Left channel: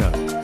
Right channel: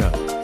Indonesia.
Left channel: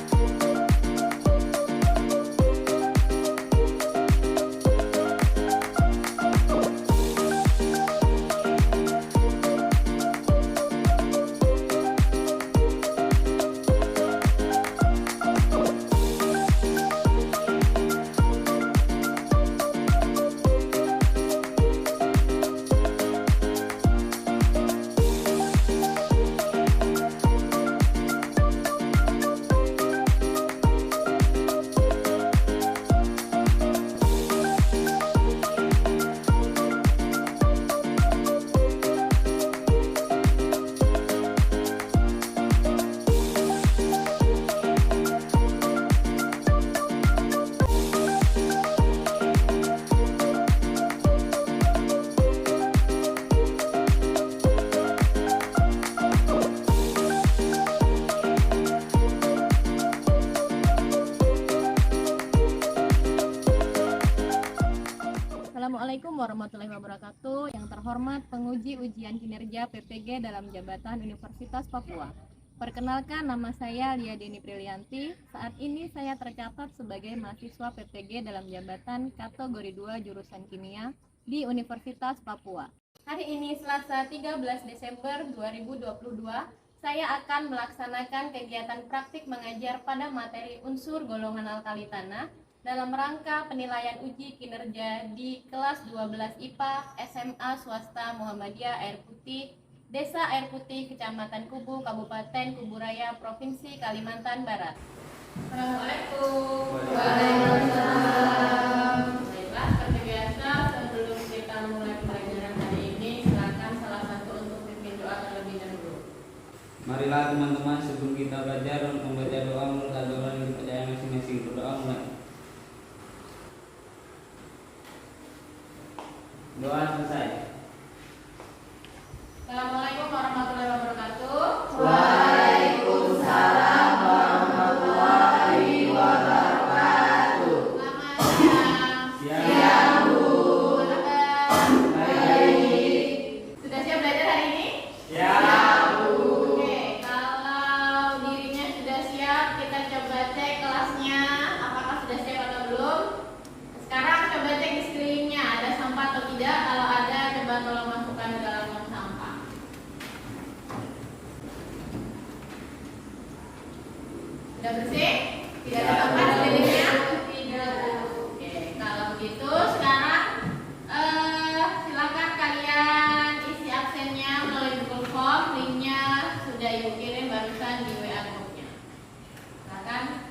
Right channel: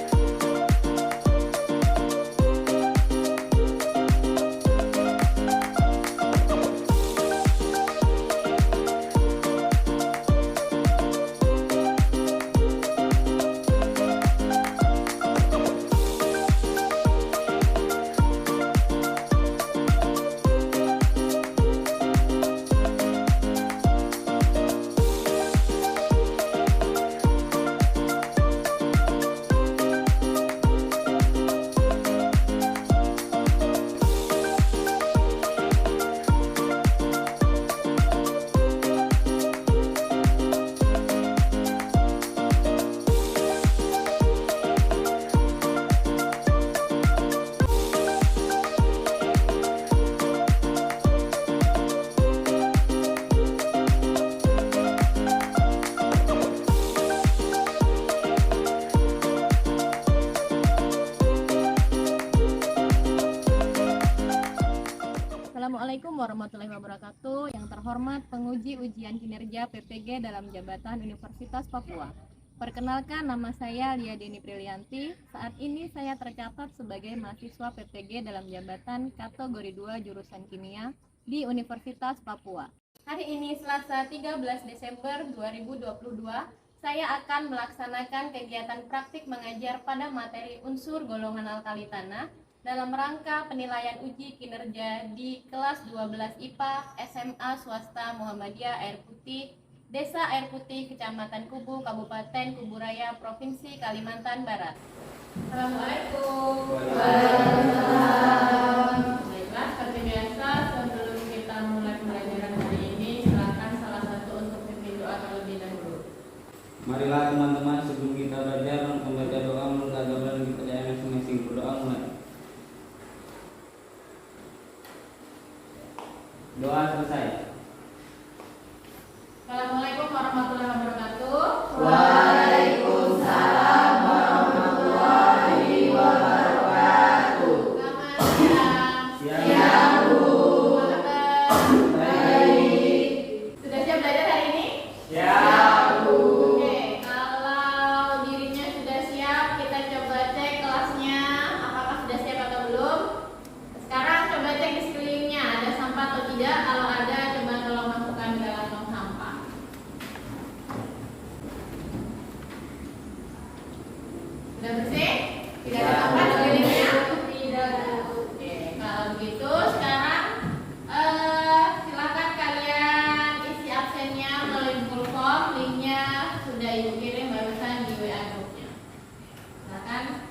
Assalamualaikum warahmatullahi wabarakatuh. Yang terhormat penguji ujian kinerja PPG dalam jabatan Universitas Papua. Perkenalkan, nama saya Lia Deni Prilianti. Saat ini saya tercatat sebagai mahasiswa PPG dalam jabatan kategori 2 jurusan kimia di Universitas Papua. Hari ini Selasa 13 Desember 2022, saya akan melaksanakan kegiatan praktik mengajar pada materi unsur golongan alkali tanah dalam rangka penilaian uji kinerja di kelas 12 IPA SMA Swasta Muhammadiyah Air Putih, Desa Air Putih, Kecamatan Kubu, Kabupaten Kubu Raya, Provinsi Kalimantan Barat. Assalamualaikum. Waalaikumsalam. Baiklah, seperti biasa, sebelum kita mulai pembelajaran hari ini, silakan salah satu untuk pimpin doa terlebih dahulu. Marilah teman-teman, sebelum kita belajar membaca doa menurut agama dan kepercayaan masing-masing. Berdoa mulai. Doa selesai. Assalamualaikum warahmatullahi wabarakatuh. Waalaikumsalam warahmatullahi wabarakatuh. Selamat siang. Siap. Bu. Apa kabar? Baik. Sudah siap belajar hari ini? Siap. Oke, kalau dirinya sudah siap, kita coba cek kelasnya apakah sudah siap atau belum. Sekarang coba cek di sekelilingnya ada sampah atau tidak. Kalau ada, coba tolong masukkan ke dalam tong sampah. Sudah bersih? Tidak ada sampah di sekelilingnya? Tidak. Oke, kalau begitu sekarang silakan kalian isi absennya melalui Google Form. Linknya sudah ibu kirim barusan di WA grupnya. Silakan.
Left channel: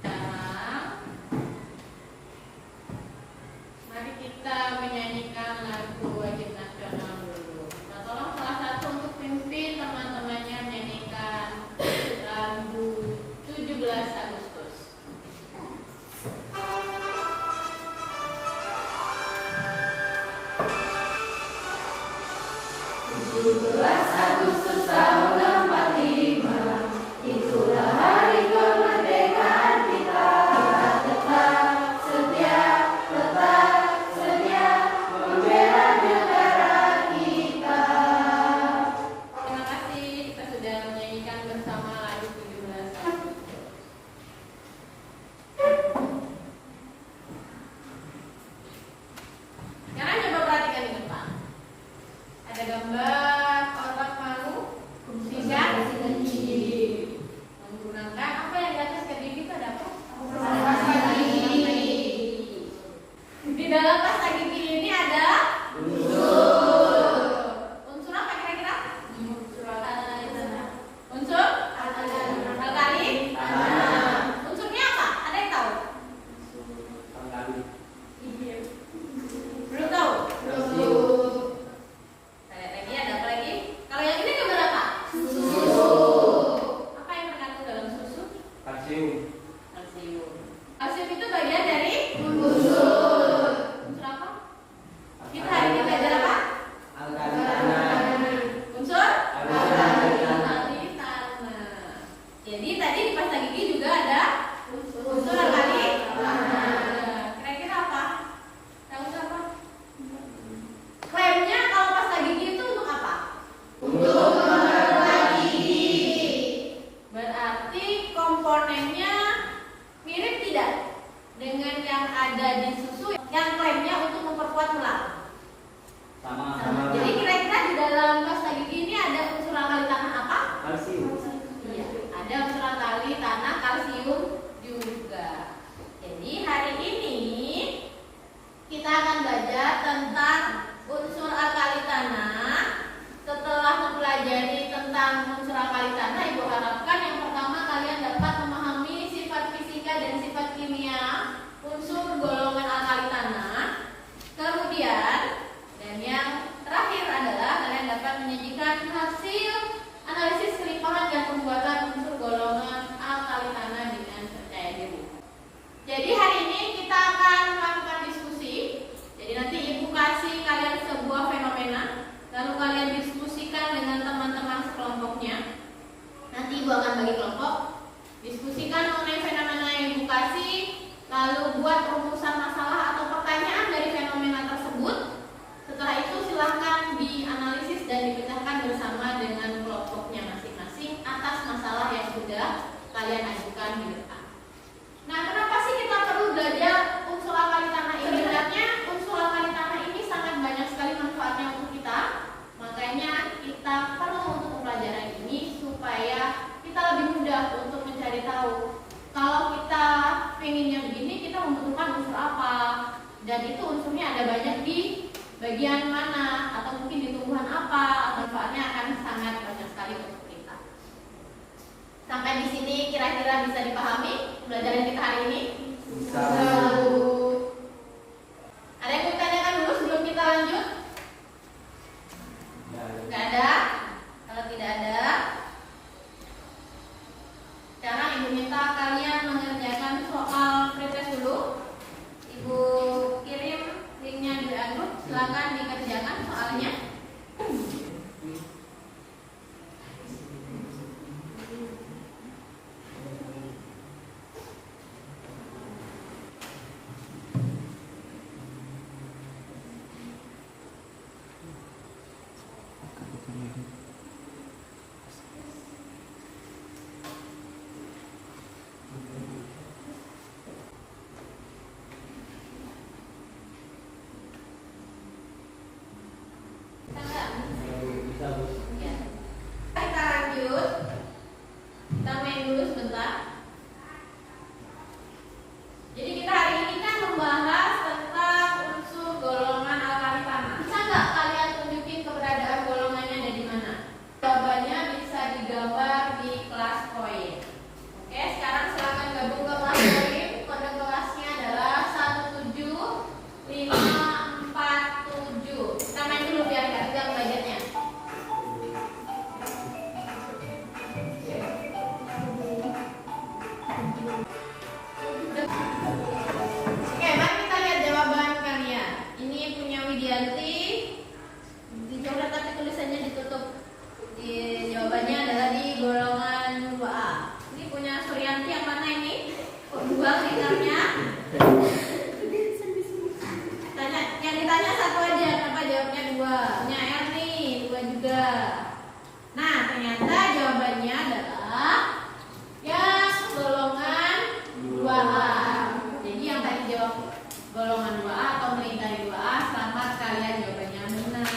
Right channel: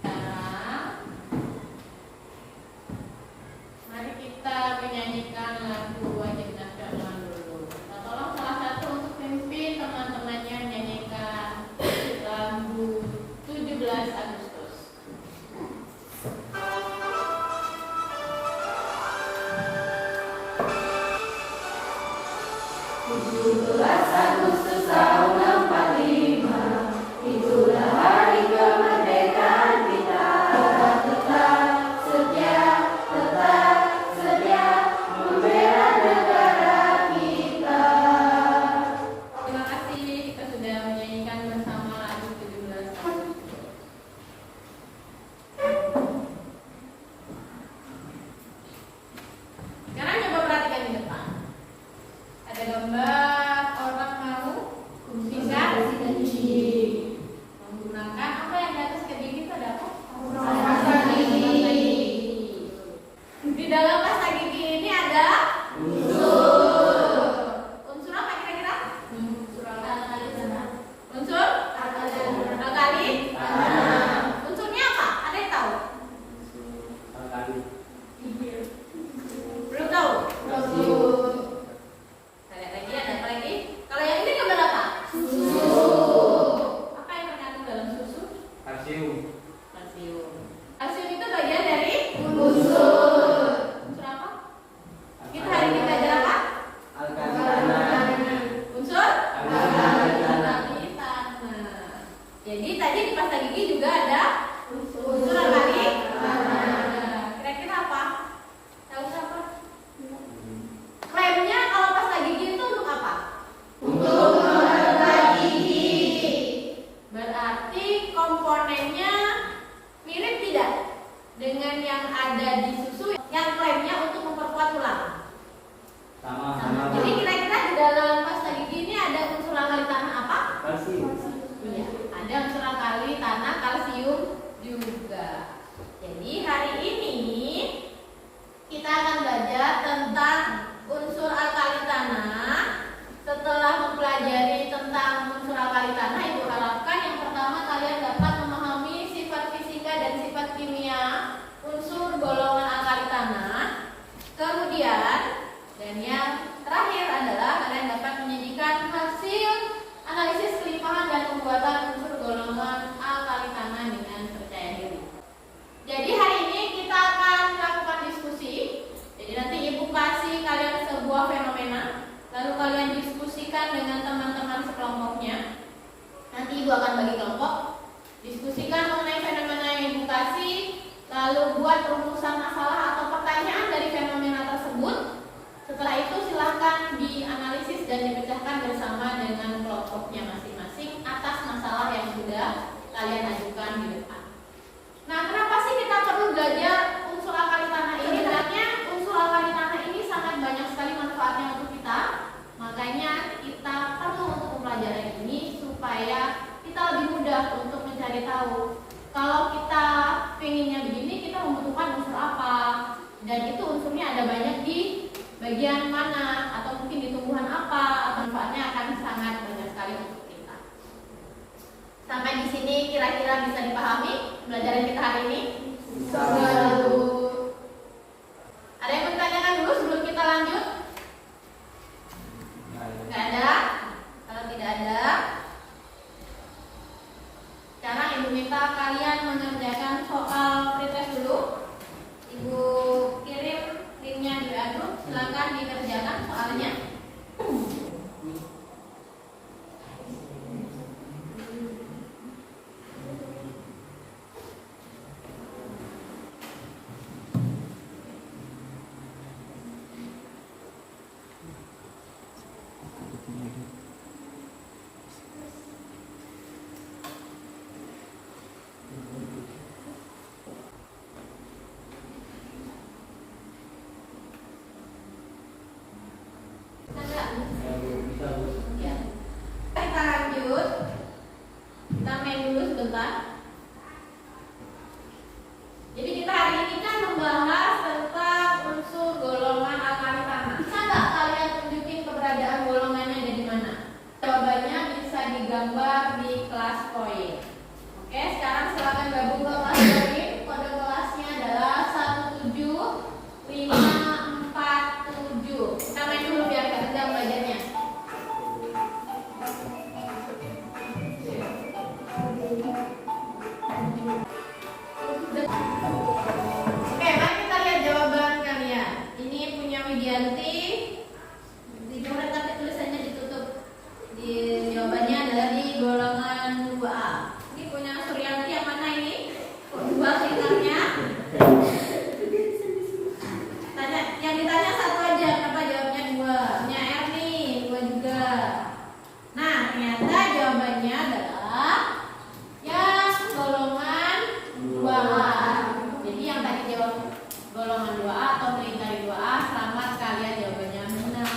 Sekarang mari kita menyanyikan lagu wajib nasional dulu. Nah, tolong salah satu untuk pimpin teman-temannya menyanyikan lagu 17 Agustus. 17 Agustus tahun 45, itulah hari kemerdekaan kita. Tetap setia membela negara kita. Terima kasih, kita sudah menyanyikan bersama lagu 17 Agustus. Sekarang coba perhatikan di depan. Ada gambar orang mau kursi diskusikan dengan teman-teman sekelompoknya. Nanti Ibu akan bagi kelompok, diskusikan mengenai fenomena yang Ibu kasih, lalu buat perumusan masalah atau pertanyaan dari fenomena tersebut. Setelah itu silahkan dianalisis dan dipecahkan bersama dengan kelompoknya masing-masing atas masalah yang sudah kalian ajukan di depan. Nah, kenapa sih kita perlu belajar unsur alkali tanah ini? Sebenarnya unsur alkali tanah ini sangat banyak sekali manfaatnya untuk kita. Makanya kita perlu untuk pelajaran ini supaya kita lebih mudah untuk mencari tahu. Kalau kita pengennya begini, kita membutuhkan unsur apa? Dan itu unsurnya ada banyak di bagian mana, atau mungkin di tumbuhan apa, atau manfaatnya akan sangat banyak sekali untuk kita. Sampai di sini kira-kira bisa dipahami pelajaran kita hari ini? Lalu, ada yang bertanyakan dulu sebelum kita lanjut? Nggak ada? Kalau tidak ada, sekarang Ibu minta kalian mengerjakan soal pretest dulu. Ibu kirim linknya di WA Group, silakan dikerjakan soalnya. Ya. Kita lanjut. Kita main dulu sebentar. Jadi kita hari ini kan membahas tentang unsur golongan alkali tanah. Bisa nggak kalian tunjukin keberadaan golongannya ada di mana? Jawabannya bisa digambar di kelas poin. Oke, sekarang silakan gabung ke kelas poin. Kode kelasnya adalah 17547. Kita main dulu biar nggak tegang belajarnya. Oke, mari kita lihat jawaban kalian. Ini punya Widianti. Dicoret tapi tulisannya ditutup. Di jawabannya adalah di golongan 2A. Ini punya Suryanti yang mana ini? Kok 2 liternya? Tanya, yang ditanya satu aja, kenapa jawabnya 2? Punya Erni, 2 juga. Nah, ternyata jawabannya adalah yang golongan 2A. Jadi yang tadi jawab golongan 2A atau melingkari 2A, selamat kalian jawabannya benar.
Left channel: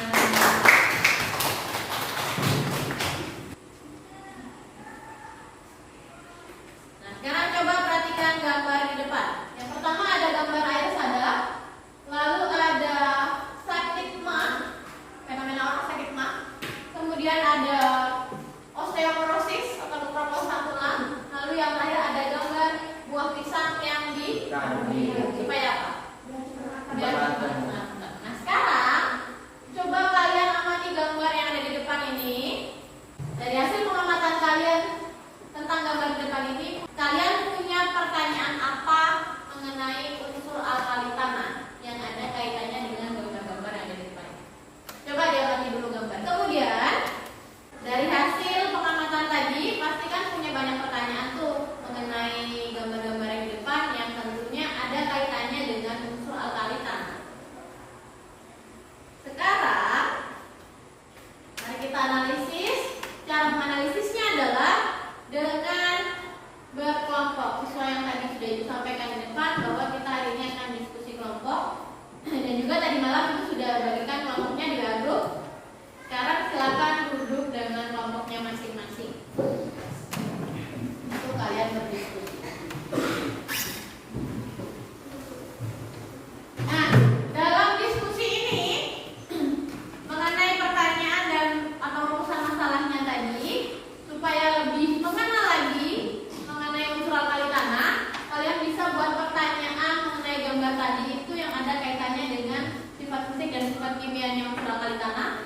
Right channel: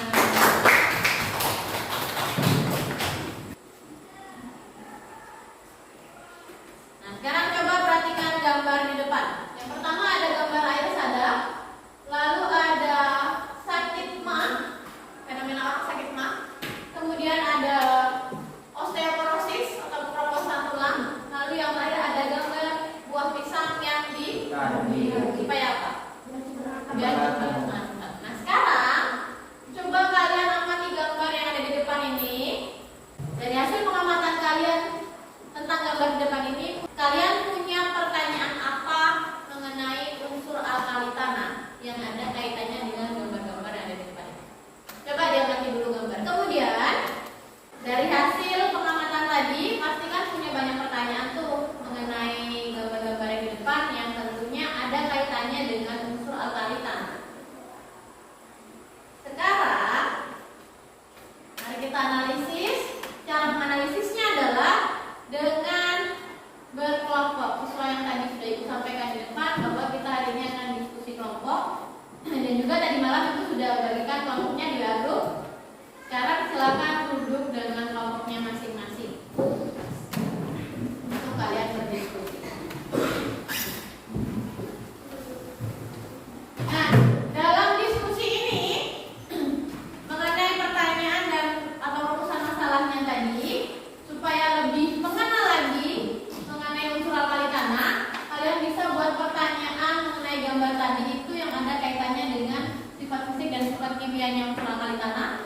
Nah, sekarang coba perhatikan gambar di depan. Yang pertama ada gambar air sadap, lalu ada sakit mah, fenomena orang sakit mah. Kemudian ada osteoporosis atau keroposan tulang. Lalu yang terakhir ada gambar buah pisang yang supaya apa? Biar mantap. Nah, sekarang coba kalian amati gambar yang ada di depan ini. Dari hasil pengamatan kalian tentang gambar di depan ini, kalian punya pertanyaan apa mengenai unsur alkali tanah yang ada kaitannya dengan gambar-gambar yang ada di depan ini? Coba diamati dulu gambar. Kemudian dari hasil pengamatan tadi, pasti kan punya banyak pertanyaan tuh mengenai gambar-gambar yang di depan yang tentunya ada kaitannya dengan unsur alkali tanah. Sekarang, mari kita analisis. Cara menganalisisnya adalah dengan berkelompok. Sesuai yang tadi sudah Ibu sampaikan di depan, bahwa kita hari ini akan diskusi kelompok. Dan juga tadi malam itu sudah bagikan kelompoknya di grup. Sekarang silakan duduk dengan kelompoknya masing-masing untuk kalian berdiskusi. Nah, dalam diskusi ini mengenai pertanyaan dan atau rumusan masalahnya tadi, supaya lebih mengenal lagi mengenai unsur alkali tanah, kalian bisa buat pertanyaan mengenai gambar tadi itu yang ada kaitannya dengan sifat fisik dan sifat kimianya unsur alkali tanah.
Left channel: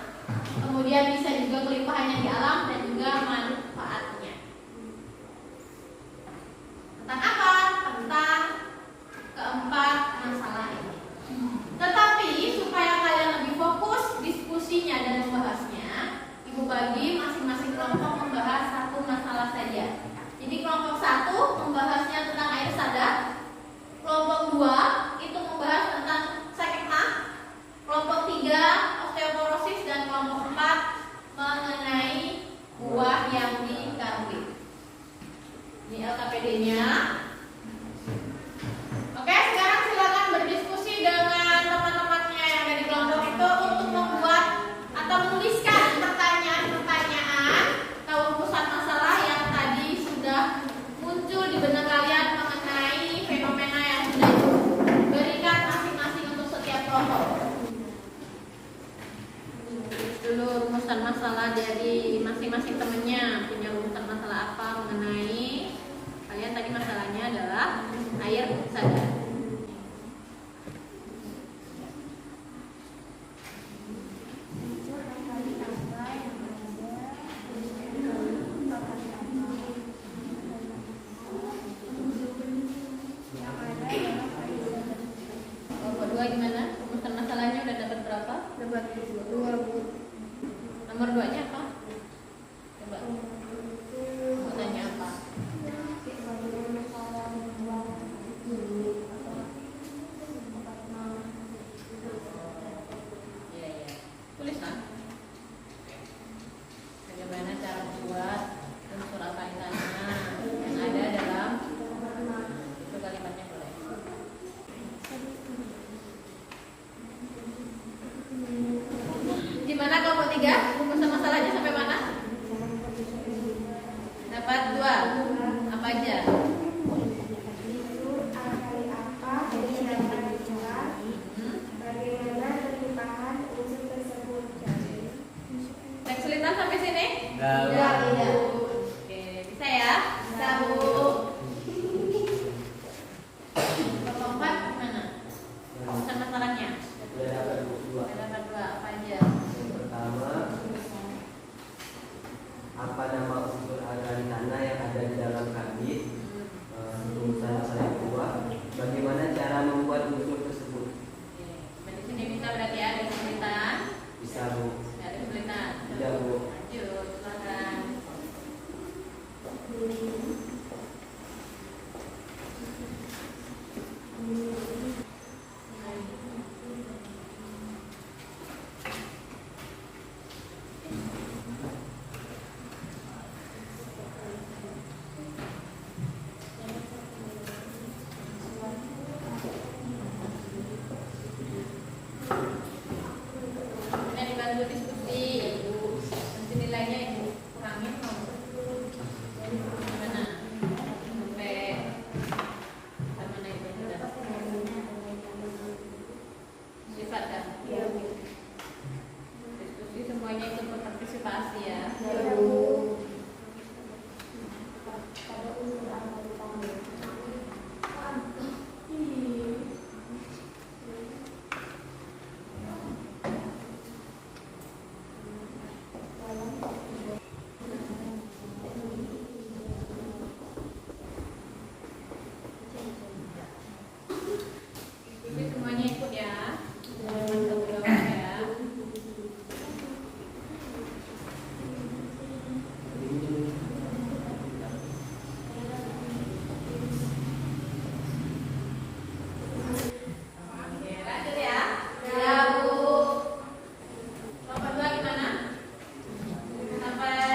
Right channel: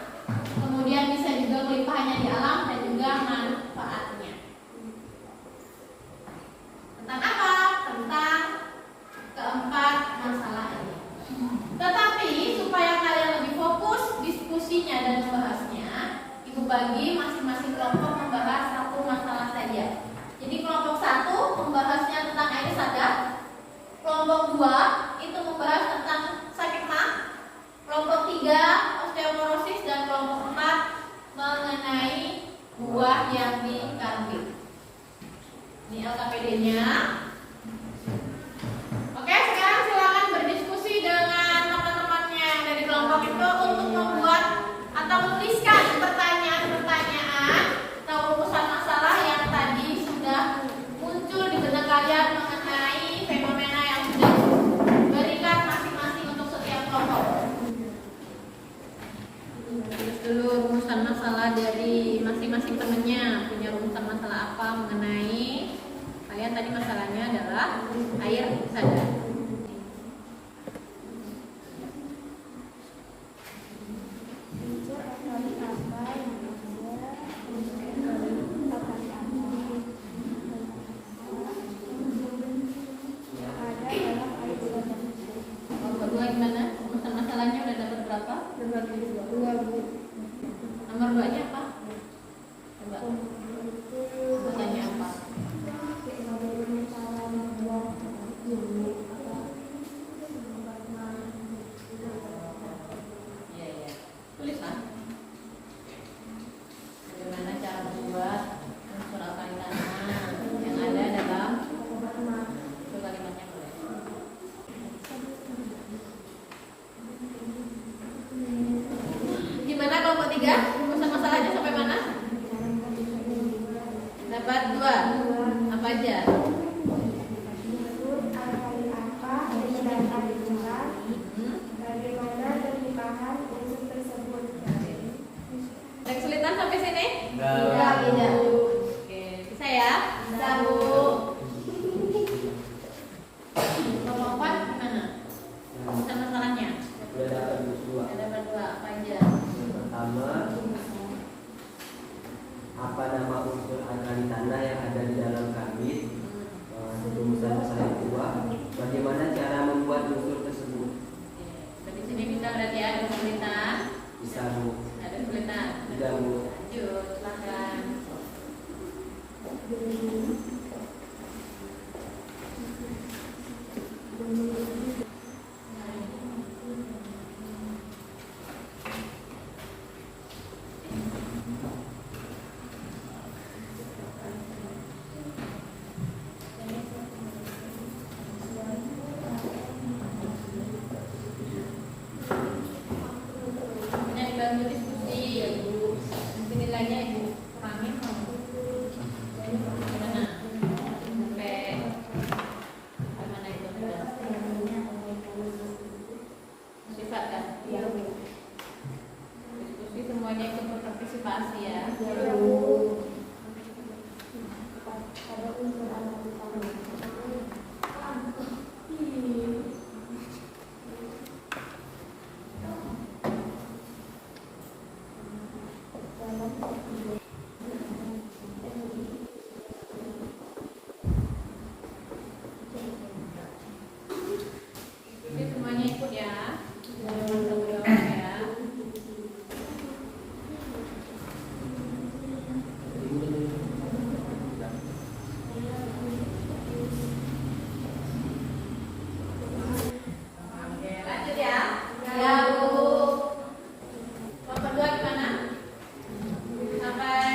Ibu bagi masing-masing kelompok membahas satu masalah saja. Jadi kelompok 1 membahasnya tentang air sadar. Kelompok 2 itu membahas tentang sakit mah. Kelompok 3 osteoporosis dan kelompok 4 mengenai buah yang dikandung. Ini LKPD-nya. Oke, sekarang silakan berdiskusi dengan teman-temannya yang ada di kelompok itu untuk membuat atau menuliskan pertanyaan-pertanyaan atau rumusan masalah yang tadi sudah muncul di benak kalian mengenai fenomena yang sudah diberikan masing-masing untuk setiap kelompok. Tulis dulu rumusan masalah dari masing-masing temennya, punya rumusan masalah apa mengenai kalian tadi. Masalahnya adalah air sadar. Nomor 2 gimana? Rumusan masalahnya udah dapat berapa? Dapat 2, Bu. Nomor 2-nya apa? Coba. Rumusannya apa? Iya, iya. Tulis kan? Bagaimana cara membuat unsur alkalinanya yang ada dalam itu kalimatnya boleh. Gimana kelompok 3? Rumusan masalahnya sampai mana? Dapat 2. Apa aja? Alkali apa dan alkali bagaimana pernikahan unsur tersebut? Ada kesulitan sampai sini? Tidak. Tidak. Oke, bisa ya? Bisa, Bu. Kelompok 4 gimana? Rumusan masalahnya? Udah dapat dua. Ada dapat 2. Apa aja? Yang pertama, apa nama unsur alkali tanah yang ada di dalam kabit? Rumusan masalah yang kedua, bagaimana cara membuat unsur tersebut? Oke. Dari sini bisa berarti ada kesulitan. Bisa, Bu. Ada kesulitan. Tidak, Bu. Lanjut, silakan. Nah, dibantu diskusi, Ibu. Nanti nilainya Ibu kurangin mau. Gimana? Sampai mana itu? Bisa kan? Iya, Bu. Diskusi semuanya ikut berpartisipasi ya. Iya, Bu. Pada unsur alkali tanah. Diskusi semuanya ikut ya. Jangan berdoa ya. Oke, lanjut ya. Ya, Bu. Kelompok 2 gimana? Sampai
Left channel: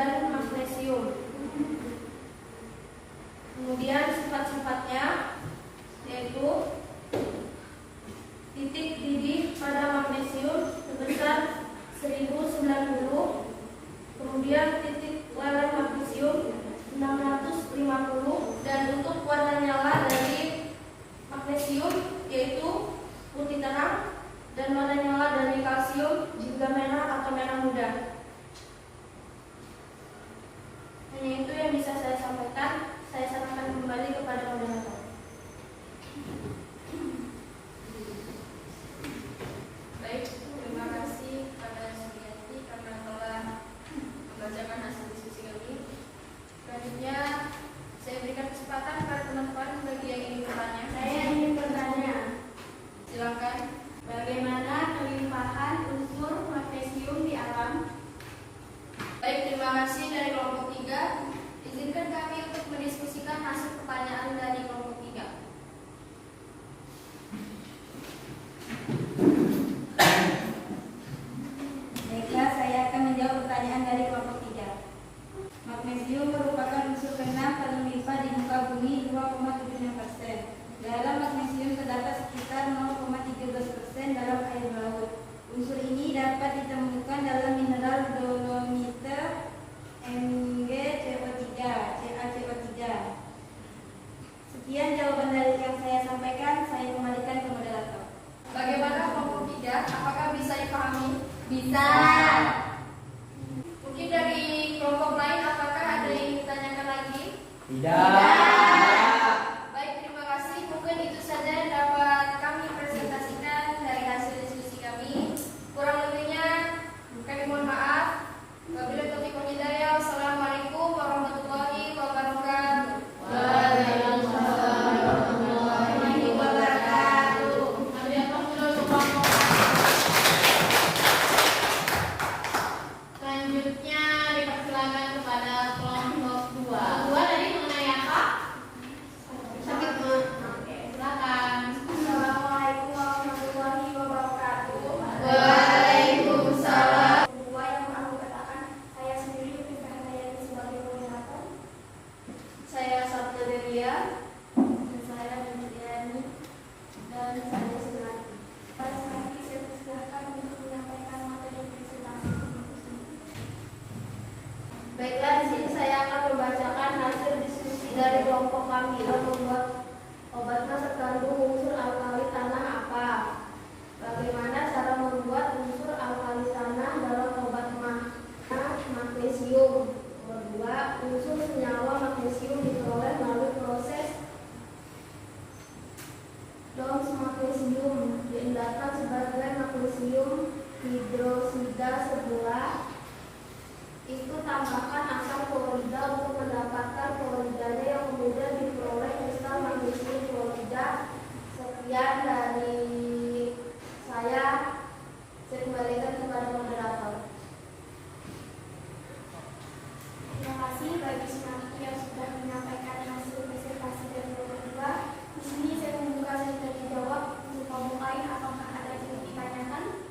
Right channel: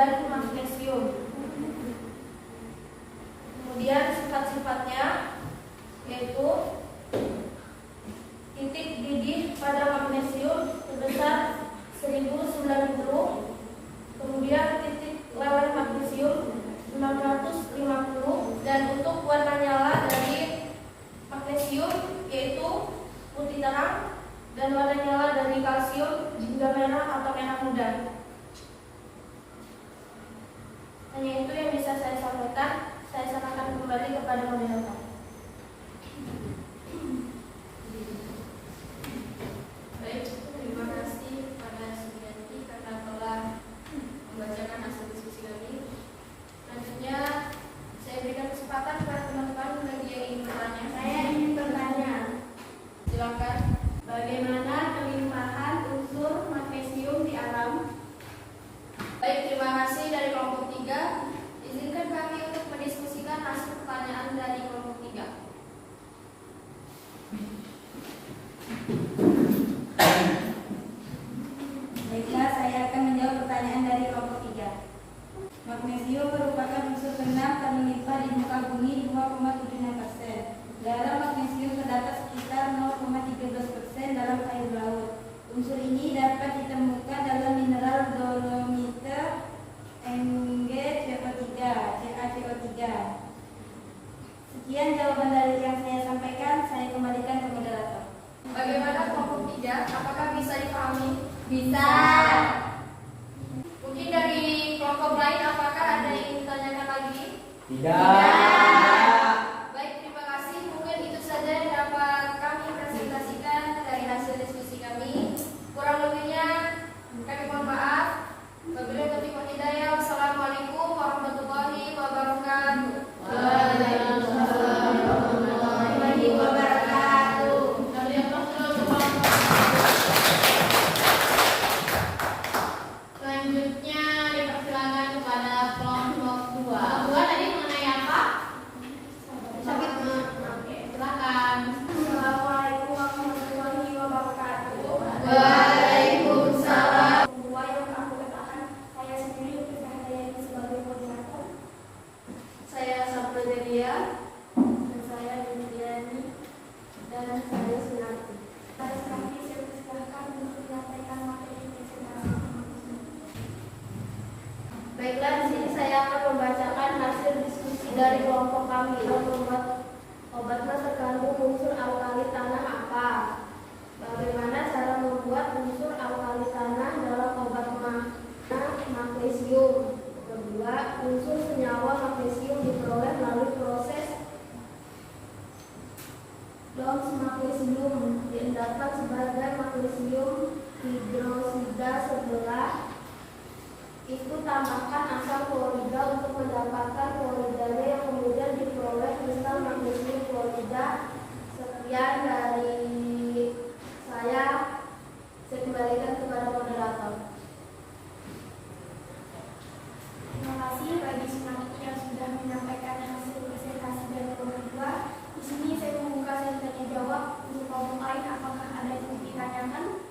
dan magnesium. Kemudian sifat-sifatnya yaitu titik didih pada magnesium sebesar 1090, kemudian titik lelen magnesium 650, dan untuk warna nyala dari magnesium yaitu putih terang, dan warna nyala dari kalsium juga merah atau merah muda. Hanya itu yang bisa saya sampaikan. Saya sampaikan kembali kepada moderator. Baik, terima kasih kepada Sulianti karena telah membacakan hasil diskusi kami. Selanjutnya saya berikan kesempatan kepada teman-teman bagi yang ingin bertanya. Saya ingin bertanya, Silakan. bagaimana kelimpahan unsur magnesium di alam? Baik, terima kasih dari kelompok 3. Izinkan kami untuk mendiskusikan hasil pertanyaan dari kelompok 3. Baiklah, saya akan menjawab pertanyaan dari kelompok 3. Magnesium merupakan unsur kena terlimpah di muka bumi 2,76%. Garam magnesium terdapat sekitar 0,13% dalam air laut. Unsur ini dapat ditemukan dalam mineral dolomite, MgCO3, CaCO3. Sekian jawaban dari yang saya sampaikan. Saya kembalikan ke moderator. Bagaimana kelompok 3? Apakah bisa dipahami? Bisa. Mungkin dari kelompok lain apakah ada yang ingin ditanyakan lagi? Tidak. Baik, terima kasih. Mungkin itu saja yang dapat kami presentasikan dari hasil diskusi kami. Kurang lebihnya kami mohon maaf. Wabillahi taufiq wal hidayah. Wassalamualaikum warahmatullahi wabarakatuh. Selanjutnya dipersilakan kepada kelompok 2. Kelompok 2 tadi mengenai apa? Sakit ma. Oke, silakan. Assalamualaikum warahmatullahi wabarakatuh. Waalaikumsalam. Kedua yang aku katakan, saya sendiri Lutfi Fahdayani sebagai koordinator. Saya Sabda Delia. Dan saya Demitriani. Dan saya Sunati. Pada saat ini saya persilahkan untuk menyampaikan materi presentasi. Baiklah, di sini saya akan membacakan hasil diskusi dari kelompok kami. Membuat obat mah terkandung unsur alkali tanah apa? Bagaimana cara membuat unsur alkali tanah dalam obat mah? Magnesium. Kedua, unsur senyawa magnesium diperoleh melalui proses DOMS magnesium diendapkan sebagai magnesium hidrosida sebelah itu tambahkan asam klorida untuk mendapatkan kloridanya yang kemudian diperoleh kristal magnesium klorida. Sekian dari saya kembalikan kepada moderator. Terima kasih bagi Sunati yang sudah menyampaikan hasil presentasi dari kelompok 2. Di sini saya membuka sesi tanya jawab untuk kelompok lain. Apakah ada yang ditanyakan?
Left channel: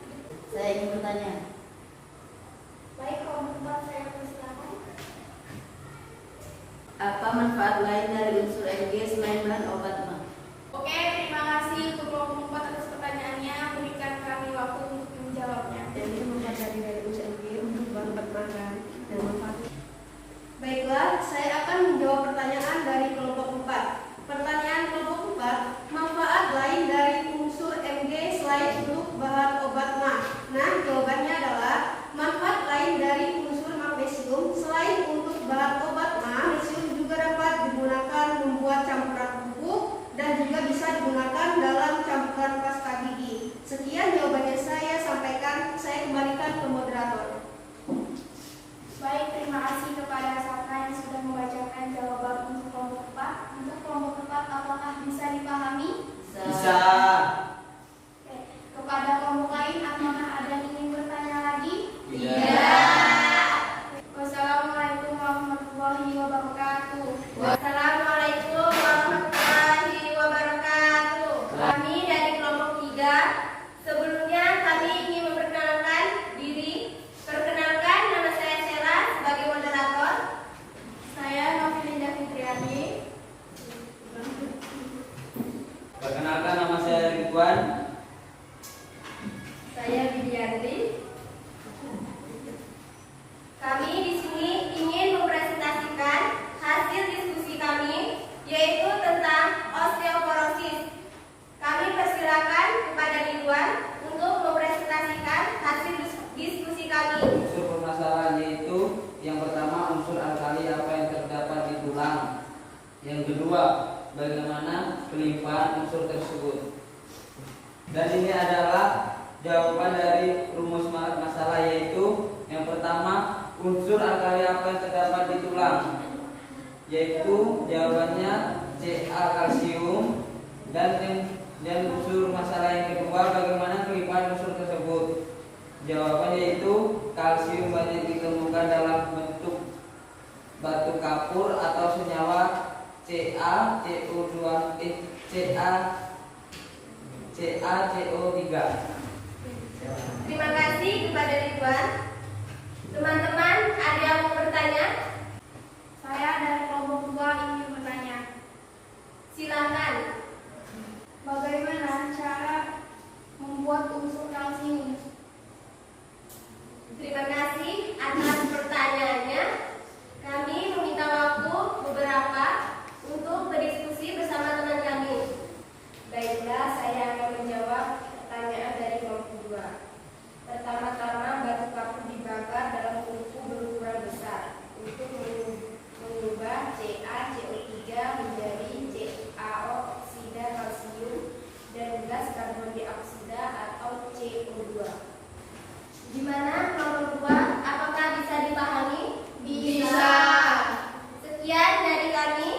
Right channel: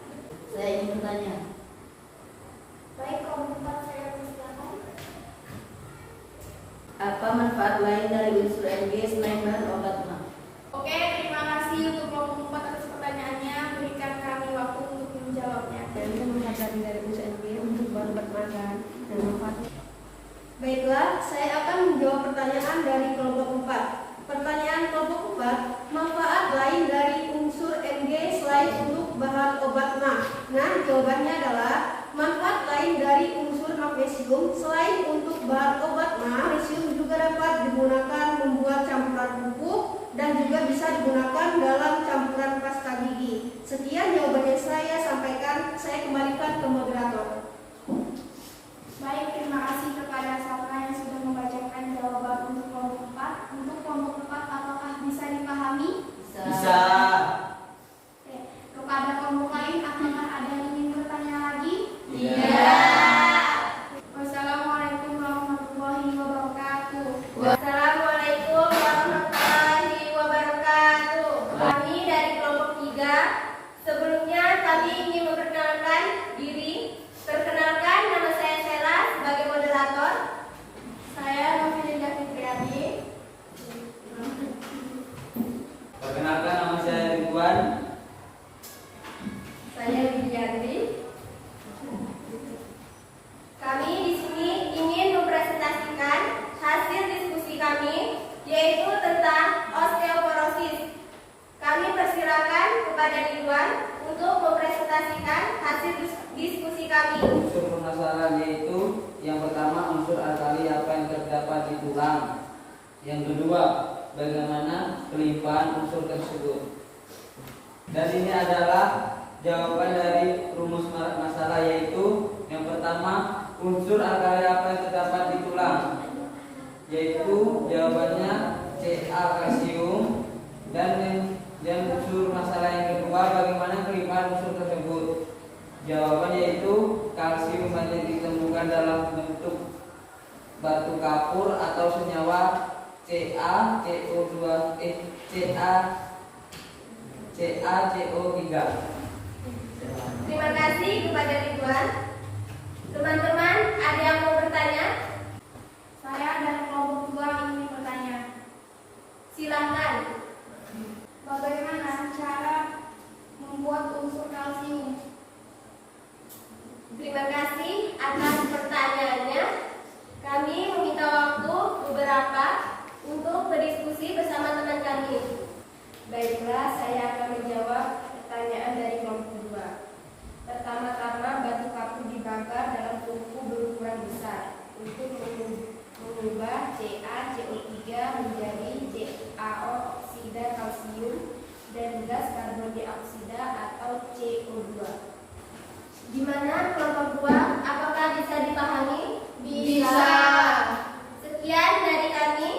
Saya ingin bertanya. Baik, kelompok 4 saya persilakan. Apa manfaat lain dari unsur Mg selain bahan obat mah? Oke, terima kasih untuk kelompok 4 atas pertanyaannya. Berikan kami waktu untuk menjawabnya. Jadi manfaat dari unsur Mg untuk bahan obat makan dan manfaatnya. Baiklah, saya akan menjawab pertanyaan dari kelompok 4. Pertanyaan kelompok 4, manfaat lain dari unsur Mg selain untuk bahan obat mah. Nah, jawabannya adalah manfaat lain dari unsur magnesium selain untuk bahan obat mah, magnesium juga dapat digunakan membuat campuran pupuk dan juga bisa digunakan dalam campuran pasta gigi. Sekian jawabannya saya sampaikan. Saya kembalikan ke moderator. Baik, terima kasih kepada Sapna yang sudah membacakan jawaban untuk kelompok 4. Untuk kelompok 4, apakah bisa dipahami? Bisa. Oke. Kepada kelompok lain, apakah ada yang ingin bertanya lagi? Tidak. Wassalamualaikum warahmatullahi wabarakatuh. Wassalamualaikum warahmatullahi wabarakatuh. Kedua, bagaimana kelimpahan unsur tersebut. Dan ini adalah jawaban dari rumus masalah, yaitu yang pertama, unsur alkali apa yang terdapat di tulang, yaitu jawabannya Ca kalsium. Dan unsur masalah yang kedua, bagaimana kelimpahan unsur tersebut. Jawabannya yaitu kalsium banyak ditemukan dalam bentuk batu kapur atau senyawa CaCO3. Terima kasih kepada Ridwan. Teman-teman, ada yang mau bertanya? Saya dari kelompok 2 ingin bertanya. Silakan. Bagaimana cara membuat unsur kalsium? Terima kasih atas pertanyaannya. Kami meminta waktu beberapa untuk berdiskusi bersama teman kami. Baiklah, saya akan menjawab pertanyaan dari kelompok 2. Pertama-tama, batu kapur dibakar dalam tungku berukuran besar untuk mengubah CaCO3 menjadi CaO oksida kalsium dan gas karbon dioksida atau CO2. Gimana kelompok 2? Apakah bisa dipahami? Bisa. Sekian dari kami.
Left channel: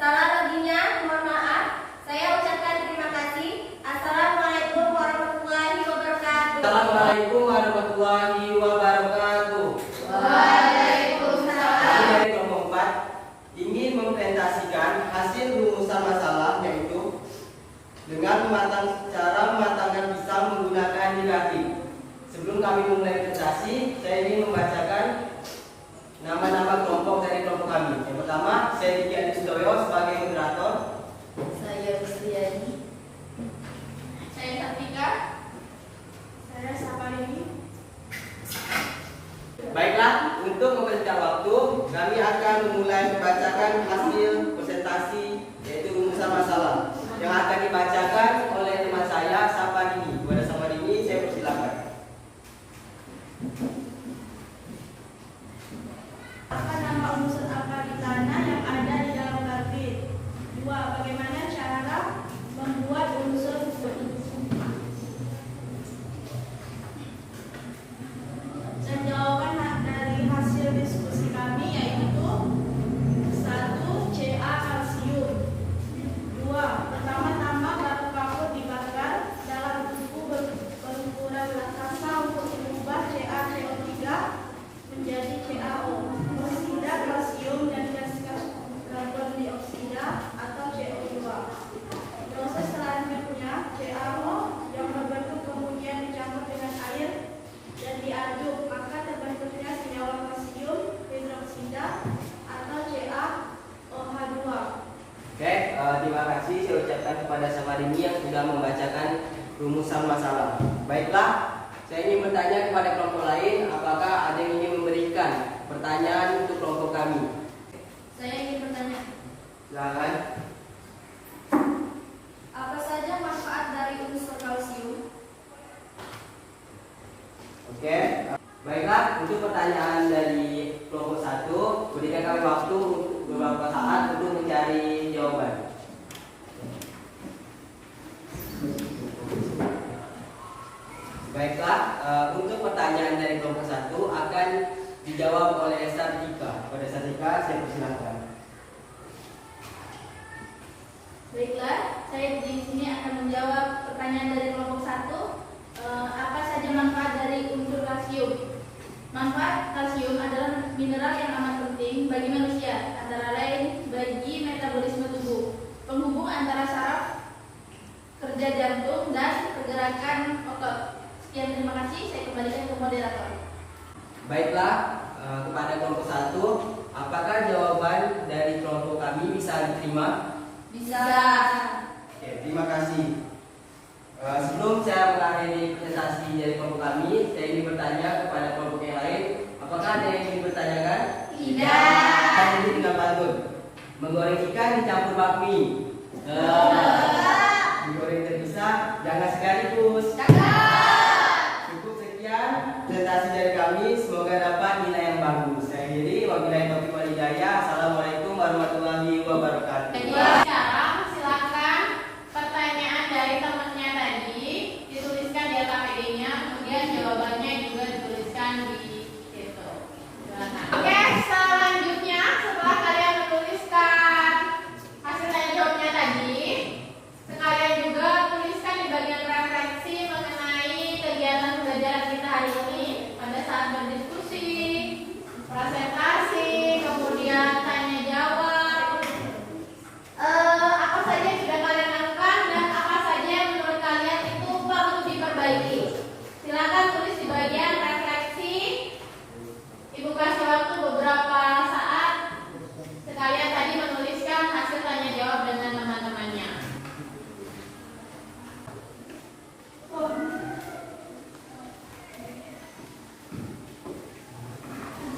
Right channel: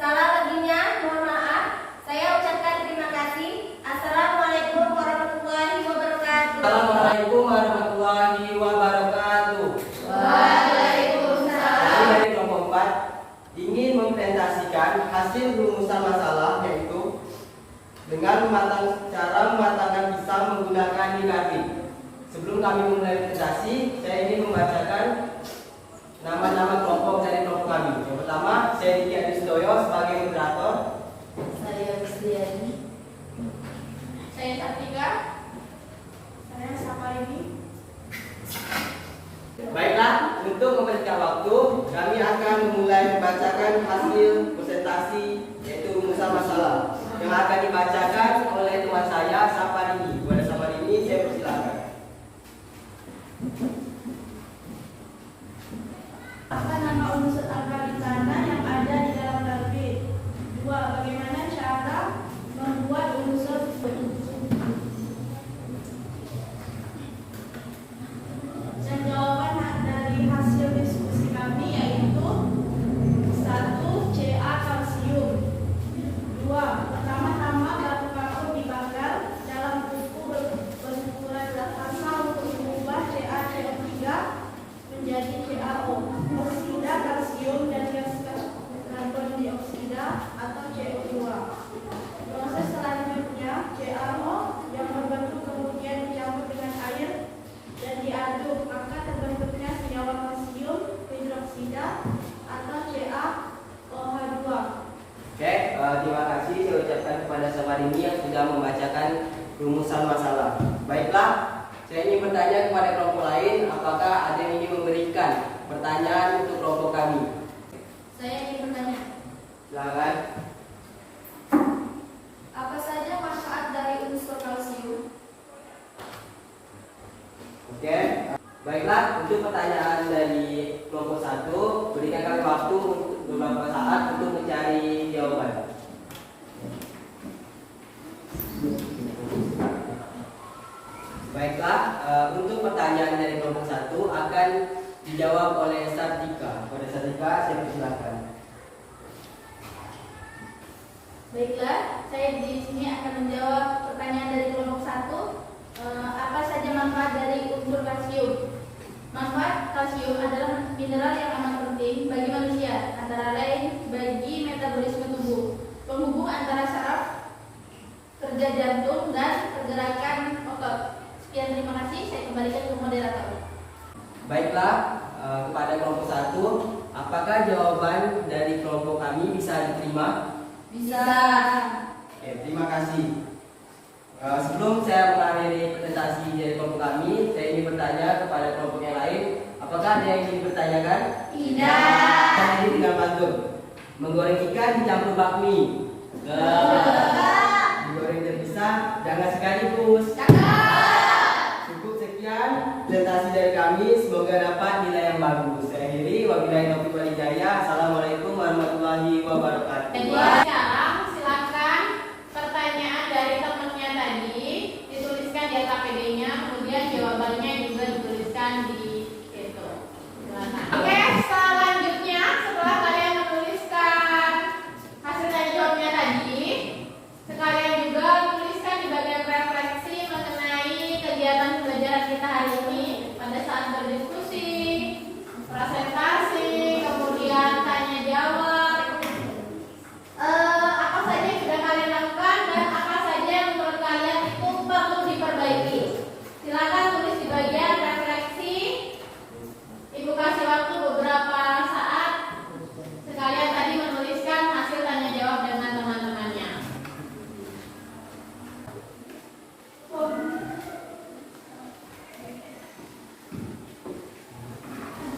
Salah lebihnya mohon maaf. Saya ucapkan terima kasih. Assalamualaikum warahmatullahi wabarakatuh. Assalamualaikum warahmatullahi wabarakatuh. Waalaikumsalam. Kami dari kelompok 4 ingin mempresentasikan hasil rumusan masalah, yaitu dengan cara mematangkan pisang menggunakan grafik. Sebelum kami memulai presentasi, saya ingin membacakan nama-nama kelompok dari kelompok kami. Yang pertama, saya Diki Adistoyo sebagai moderator. Saya Rusdiani. Saya Satika. Saya Saparini. Baiklah, untuk mempersingkat waktu, kami akan memulai membacakan hasil presentasi, yaitu rumusan masalah yang akan dibacakan oleh teman saya, Saparini. Kepada Saparini, saya persilakan. Apa nama unsur alkali tanah yang ada di dalam karbit? 2. Bagaimana cara membuat unsur dan jawaban dari hasil diskusi kami yaitu 1. Ca kalsium. 2. Pertama-tama batu kapur dibakar dalam tungku berukuran raksasa untuk mengubah CaCO3 menjadi CaO oksida kalsium dan gas karbon dioksida atau CO2. Proses selanjutnya, CaO yang berbentuk kemudian dicampur dengan air dan diaduk, maka terbentuknya senyawa kalsium hidroksida atau CaOH2. Oke, terima kasih saya ucapkan kepada Saparini yang sudah membacakan rumusan masalah. Baiklah, saya ingin bertanya kepada kelompok lain, apakah ada yang ingin memberikan pertanyaan untuk kelompok kami? Saya ingin bertanya. Silakan. Apa saja manfaat dari unsur kalsium? Oke, baiklah, untuk pertanyaan dari kelompok 1, berikan kami waktu beberapa saat untuk mencari jawaban. Baiklah, untuk pertanyaan dari kelompok 1 akan dijawab oleh Sartika. Pada Sartika, saya persilakan. Baiklah, saya di sini akan menjawab pertanyaan dari kelompok 1. Apa saja manfaat dari unsur kalsium? Manfaat kalsium adalah mineral yang amat penting bagi manusia, antara lain bagi metabolisme tubuh, penghubung antara saraf, kerja jantung, dan pergerakan otot. Sekian, terima kasih. Saya kembalikan ke moderator. Baiklah, kepada kelompok 1, apakah jawaban dari kelompok kami bisa diterima? Bisa. Oke, terima kasih. Sebelum saya mengakhiri presentasi dari kelompok kami, saya ingin bertanya kepada kelompok yang lain, apakah ada yang ingin dipertanyakan? Tidak. Kali ini tinggal pantun. Menggoreng ikan dicampur bakmi. Digoreng terpisah, jangan sekaligus. Cukup sekian presentasi dari kami, semoga dapat nilai yang bagus. Saya akhiri, wabillahi taufiq wal hidayah. Assalamualaikum warahmatullahi wabarakatuh.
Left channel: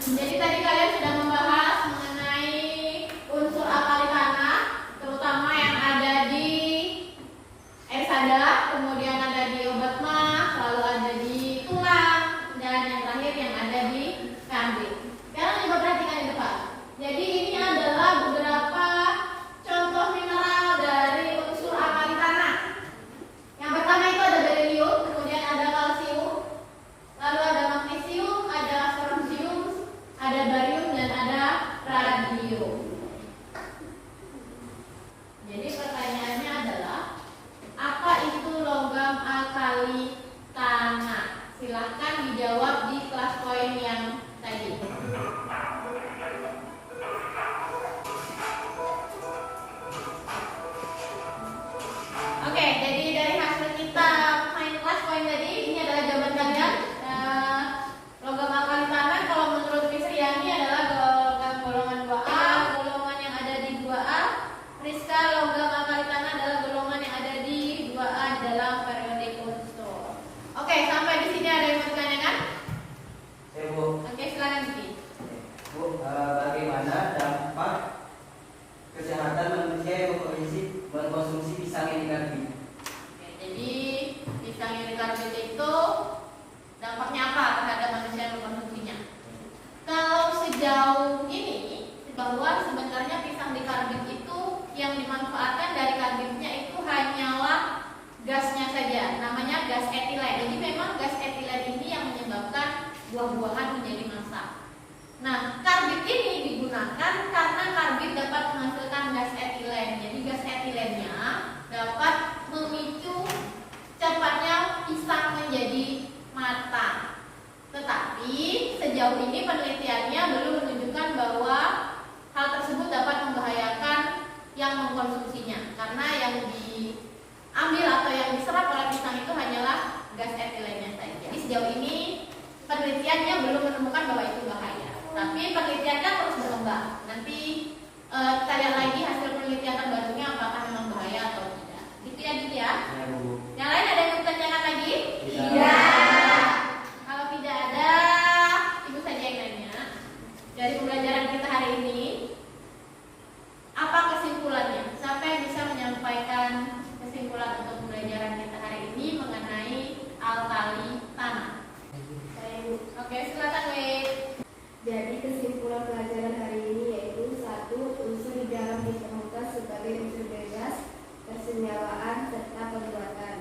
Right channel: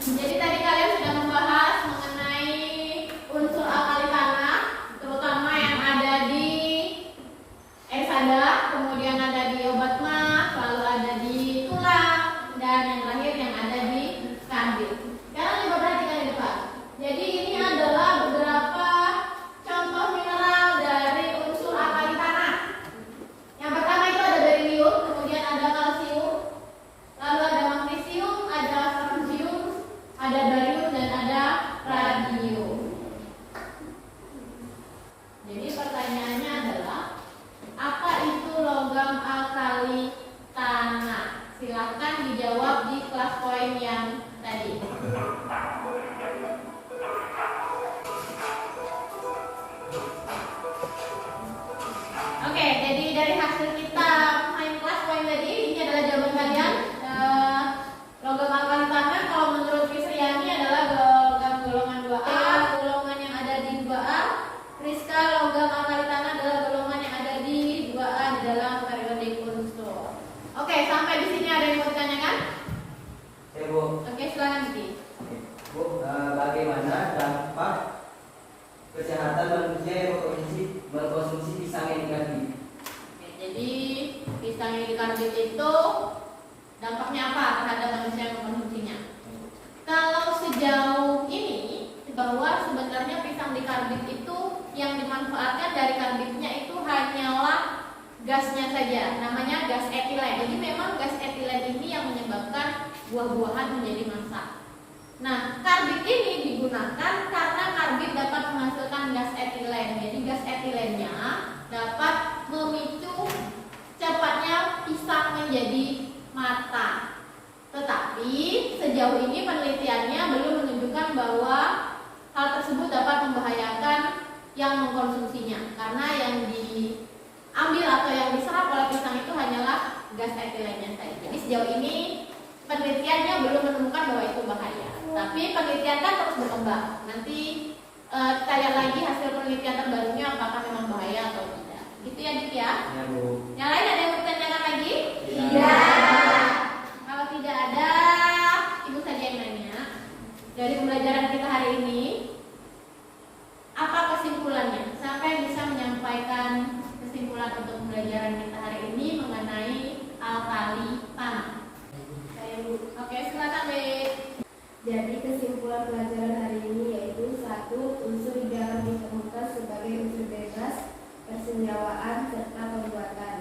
Jadi tadi kalian sudah membahas mengenai unsur alkali tanah, terutama yang ada di air sada, kemudian ada di obat mah, lalu ada di tulang, dan yang terakhir yang ada di karbit. Sekarang coba perhatikan di depan. Jadi ini adalah beberapa contoh mineral dari unsur alkali tanah. Yang pertama itu ada berilium, kemudian ada kalsium, lalu ada magnesium, ada strontium, ada barium, dan ada radium. Jadi pertanyaannya adalah apa itu logam alkali tanah? Silahkan dijawab di kelas poin yang tadi. Oke, jadi dari hasil kita main kelas poin tadi, ini adalah jawaban kalian. Logam alkali tanah kalau menurut Krisriani adalah logam golongan 2A, golongan yang ada di 2A. Rizka, logam alkali tanah adalah golongan yang ada di 2A di dalam periodik unsur. Oke, sampai di sini ada yang mau ditanyakan? Ya, Bu. Oke, silakan Diki. Bu, bagaimana dampak kesehatan manusia yang berkonsumsi pisang yang dikarbit? Oke, jadi pisang yang dikarbit itu dampaknya apa terhadap manusia yang mengkonsumsinya? Kalau sejauh ini bahwa sebenarnya pisang dikarbit itu yang dimanfaatkan dari karbitnya itu hanyalah gasnya saja, namanya gas etilen. Jadi memang gas etilen ini yang menyebabkan buah-buahan menjadi masak. Nah, karbit ini digunakan karena karbit dapat menghasilkan gas etilen. Jadi gas etilennya dapat memicu cepatnya pisang menjadi matang. Tetapi sejauh ini penelitiannya belum menunjukkan bahwa hal tersebut dapat membahayakan yang mengkonsumsinya, karena yang diambil atau yang diserap oleh pisang itu hanyalah gas etilennya saja. Jadi sejauh ini penelitiannya belum menemukan bahwa itu bahaya. Tapi penelitian kan terus berkembang. Nanti kita lihat lagi hasil penelitian terbarunya apakah memang bahaya atau tidak. Gitu ya, Dit ya. Ya, Bu. Yang lain ada yang ditanyakan lagi? Iya. Kalau tidak ada, Ibu saja yang nanya. Dari pembelajaran kita hari ini, apa kesimpulannya? Siapa yang bisa menyampaikan kesimpulan untuk pembelajaran kita hari ini mengenai alkali tanah? Saya Bu. Oke, silakan, Wid. Jadi kesimpulan pelajaran hari ini yaitu 1. Unsur jarang ditemukan sebagai unsur bebas, persenyawaan, serta pembuatan.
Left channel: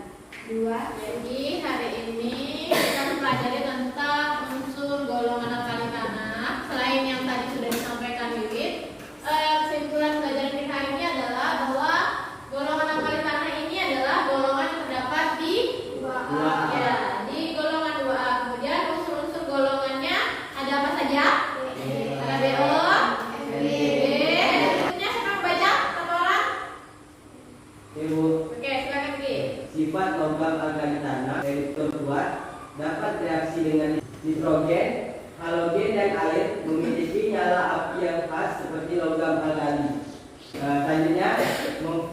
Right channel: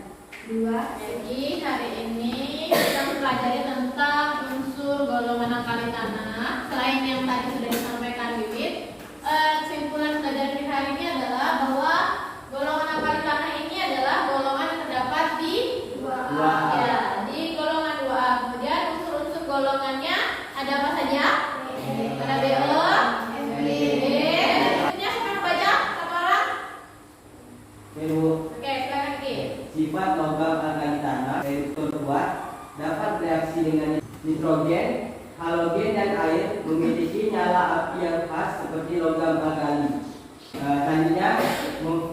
2. Jadi hari ini kita mempelajari tentang unsur golongan alkali tanah. Selain yang tadi sudah disampaikan Wiwit, kesimpulan pelajaran kita hari ini adalah bahwa golongan alkali tanah ini adalah golongan yang terdapat di 2A. Ya, di golongan 2A. Kemudian unsur-unsur golongannya ada apa saja? Ada BO, FB. Berikutnya siapa membaca? Satu orang? Ibu, Oke, silakan Ki. sifat logam alkali tanah yaitu kuat, dapat bereaksi dengan nitrogen, halogen dan air, memiliki nyala api yang khas seperti logam alkali. Selanjutnya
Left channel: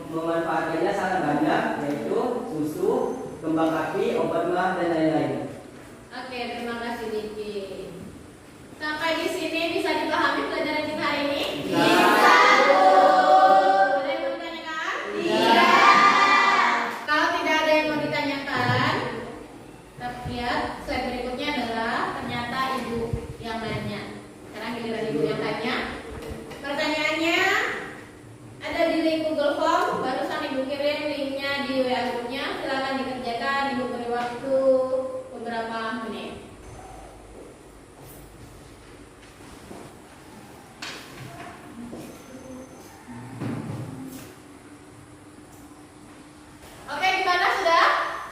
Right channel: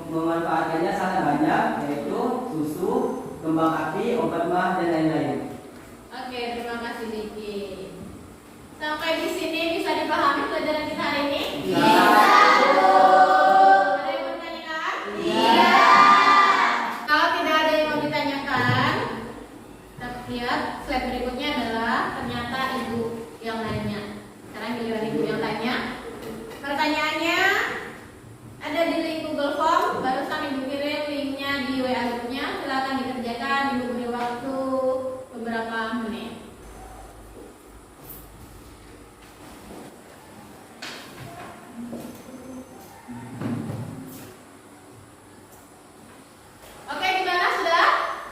memanfaatkannya sangat banyak, yaitu susu, kembang api, obat mah dan lain-lain. Oke, terima kasih Diki. Sampai di sini bisa dipahami pelajaran kita hari ini? Bisa. Ada yang mau ditanyakan? Iya. Kalau tidak ada yang mau ditanyakan, kita lihat slide berikutnya adalah ternyata Ibu yang nanya. Sekarang giliran Ibu yang tanya. Pertanyaannya ada di link Google Form, barusan Ibu kirim linknya di WA grupnya. Silakan dikerjakan, Ibu beri waktu beberapa menit. Oke, gimana sudah?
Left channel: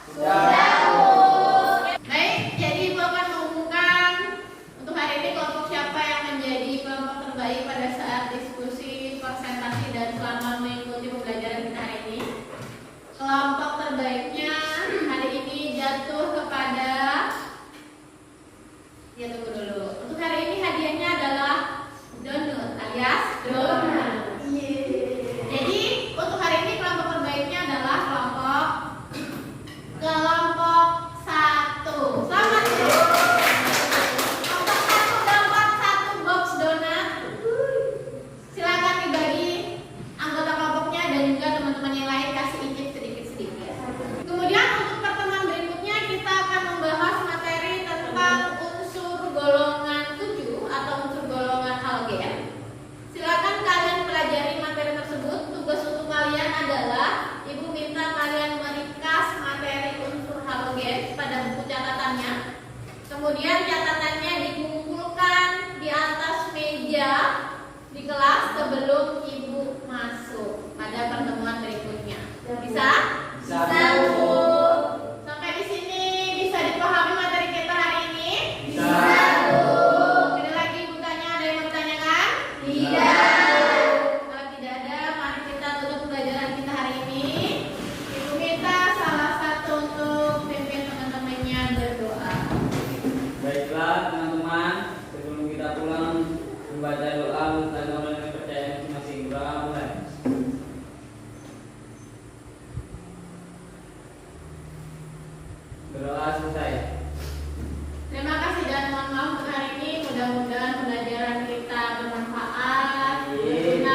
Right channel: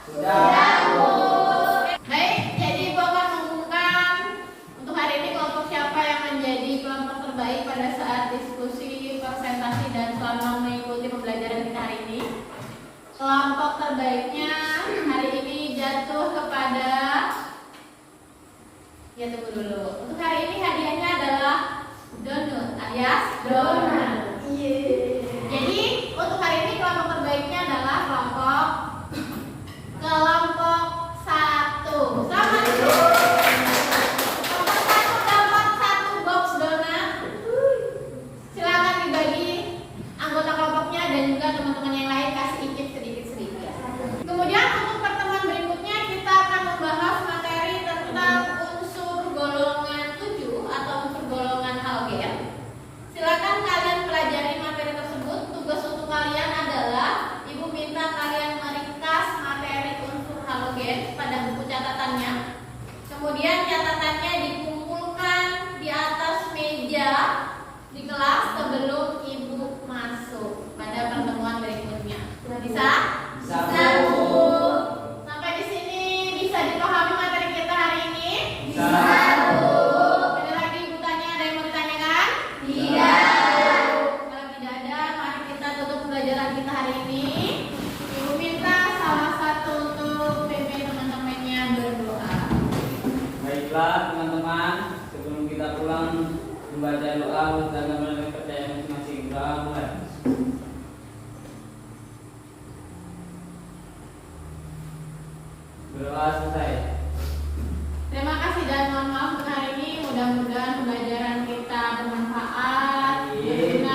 Sudah. Baik, jadi Ibu akan mengumumkan untuk hari ini kelompok siapa yang menjadi kelompok terbaik pada saat diskusi, presentasi, dan selama mengikuti pembelajaran kita hari ini. Kelompok terbaiknya hari ini jatuh kepada, ya tunggu dulu. Untuk hari ini hadiahnya adalah donut alias donat. Jadi untuk hari ini kelompok terbaiknya adalah kelompok 1. Selamat dulu. Kelompok 1 dapat 1 sebelum ibu masuk pada pertemuan berikutnya. Bisa? Bisa. Satu. Sampai di sini bisa dipahami materi kita hari ini? Bisa. Satu. Ada lagi ibu tanya, ada yang mau ditanyakan? Tidak. Kalau tidak ada, mari kita tutup pelajaran kita hari ini. Ibu minta salah satu untuk pimpin teman-temannya berdoa. Baiklah teman-teman, sebelum kita pulang membaca doa dan memulai kepercayaan masing-masing. Kita mulai. Berdoa selesai. Terima kasih dan mohon maaf untuk hari ini. Mudah-mudahan pembelajaran kita bermanfaat, berguna